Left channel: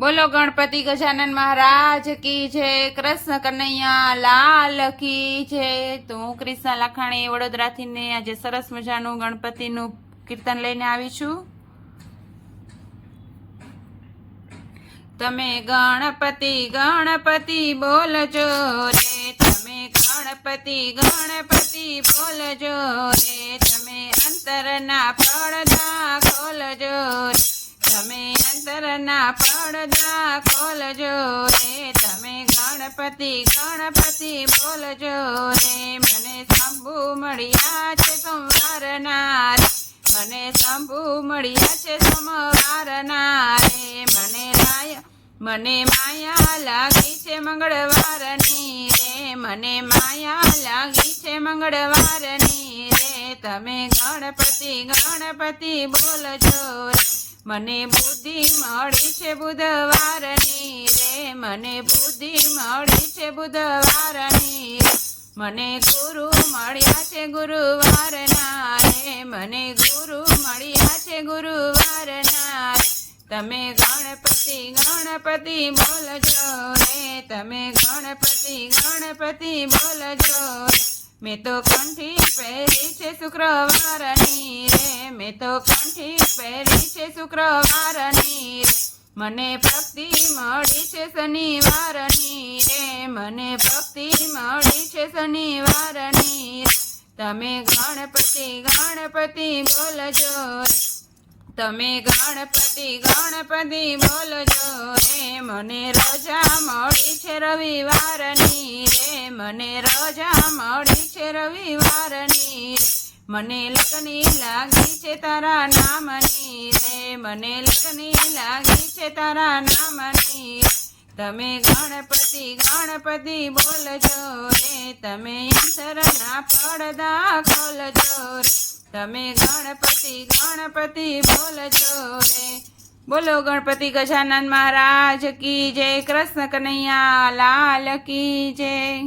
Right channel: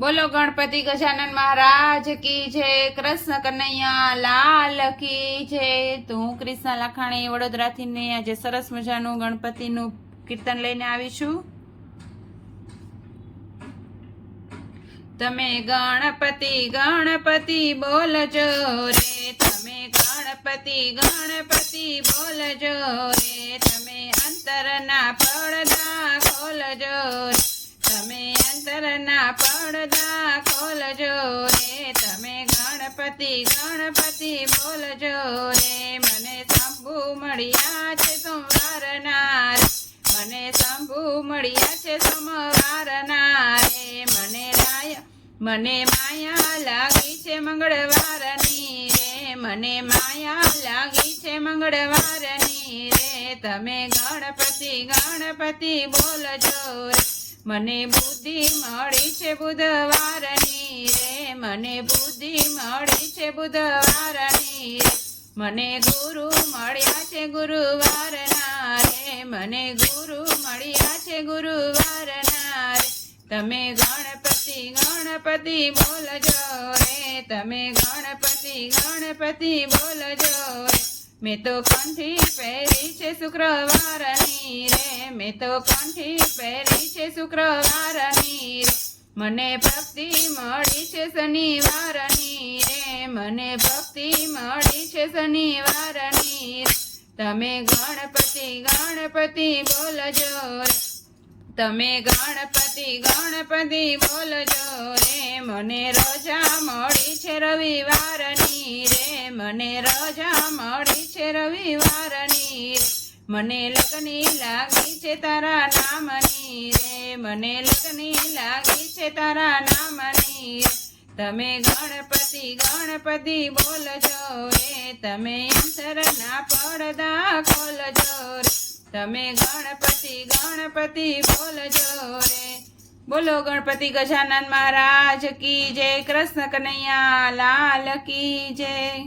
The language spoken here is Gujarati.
બોલો ગણપતિ ગજાનન મહારાજ કી જય, કૃષ્ણ કનૈયા લાલ કી જય. તો હું ક્રિષ્ના લાખાણી વડોદરાથી ને આજે સરસ મજાનું ગણપતિનું કીર્તન લઈને આવી છું. તમે ગણપતિ ગણપતિ બોલજો રે. તમે ગણપતિ ગણપતિ બોલજો રે. તમે અંતરના પડદા ખોલજો અંતરના પડદા ખોલજો રે. તમે ગણપતિ ગણપતિ બોલજો રે. મને શંભુ મળ્યા છે સોમવારના મને શંભુ મળ્યા છે સોમવારના રે. મને માયા મને માયા લાગી છે મંગળવારની રે. મને માયા લાગી છે મંગળવારની રે. તમે ગણપતિ ગણપતિ બોલજો રે. મને બુદ્ધિ મળી છે બુધવારની રે, મને બુદ્ધિ મળી છે બુધવારની મને ગુરુ મળ્યા છે ગુરુવારના રે, મને ગુરુ મળ્યા છે ગુરુવારના તમે ગણપતિ ગણપતિ બોલજો રે, તમે ગણપતિ ગણપતિ બોલજો મેં તો કંઠી પહેરી છે શુક્રવારની તો કંઠી પહેરી છે શુક્રવારની રે. મને ભક્તિ મળી છે શનિવારની રે. મને ભક્તિ મળી છે શનિવારની રે. તમે ગણપતિ ગણપતિ બોલજો રે. તમે ગણપતિ ગણપતિ બોલજો રે. મને રજા મળી છે રવિવારની રે. મને રજા મળી છે રવિવારની રે મને લગની લાગી છે તારા નામની રે, મને લગની લાગી છે તારા નામની રે. તમે ગણપતિ ગણપતિ બોલજો રે, તમે અંતરના પડદા ખોલજો રે. તમે ગણપતિ ગણપતિ બોલજો રે. બોલો ગણપતિ ગજાનન મહારાજ કી જય, કૃષ્ણ કનૈયા, લાલ કી જય.